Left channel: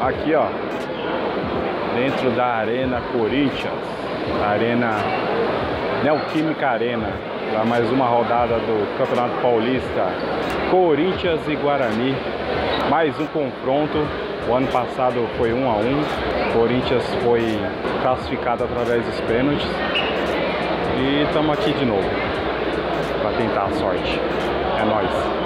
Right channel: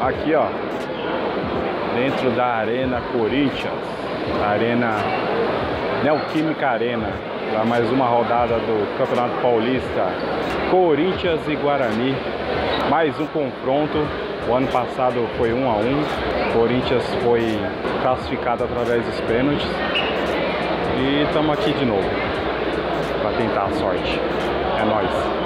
Aqui, ó, dentro da Arena Corinthians, Arena Neoquímica Arena, para mais uma rodada do Campeonato Paulista, Corinthians e Guarani, mais um confronto. O ano passado foi 1 a 1, Corinthians foi classificado através dos pênaltis e estamos aqui de novo para tentar a sorte. É nóis!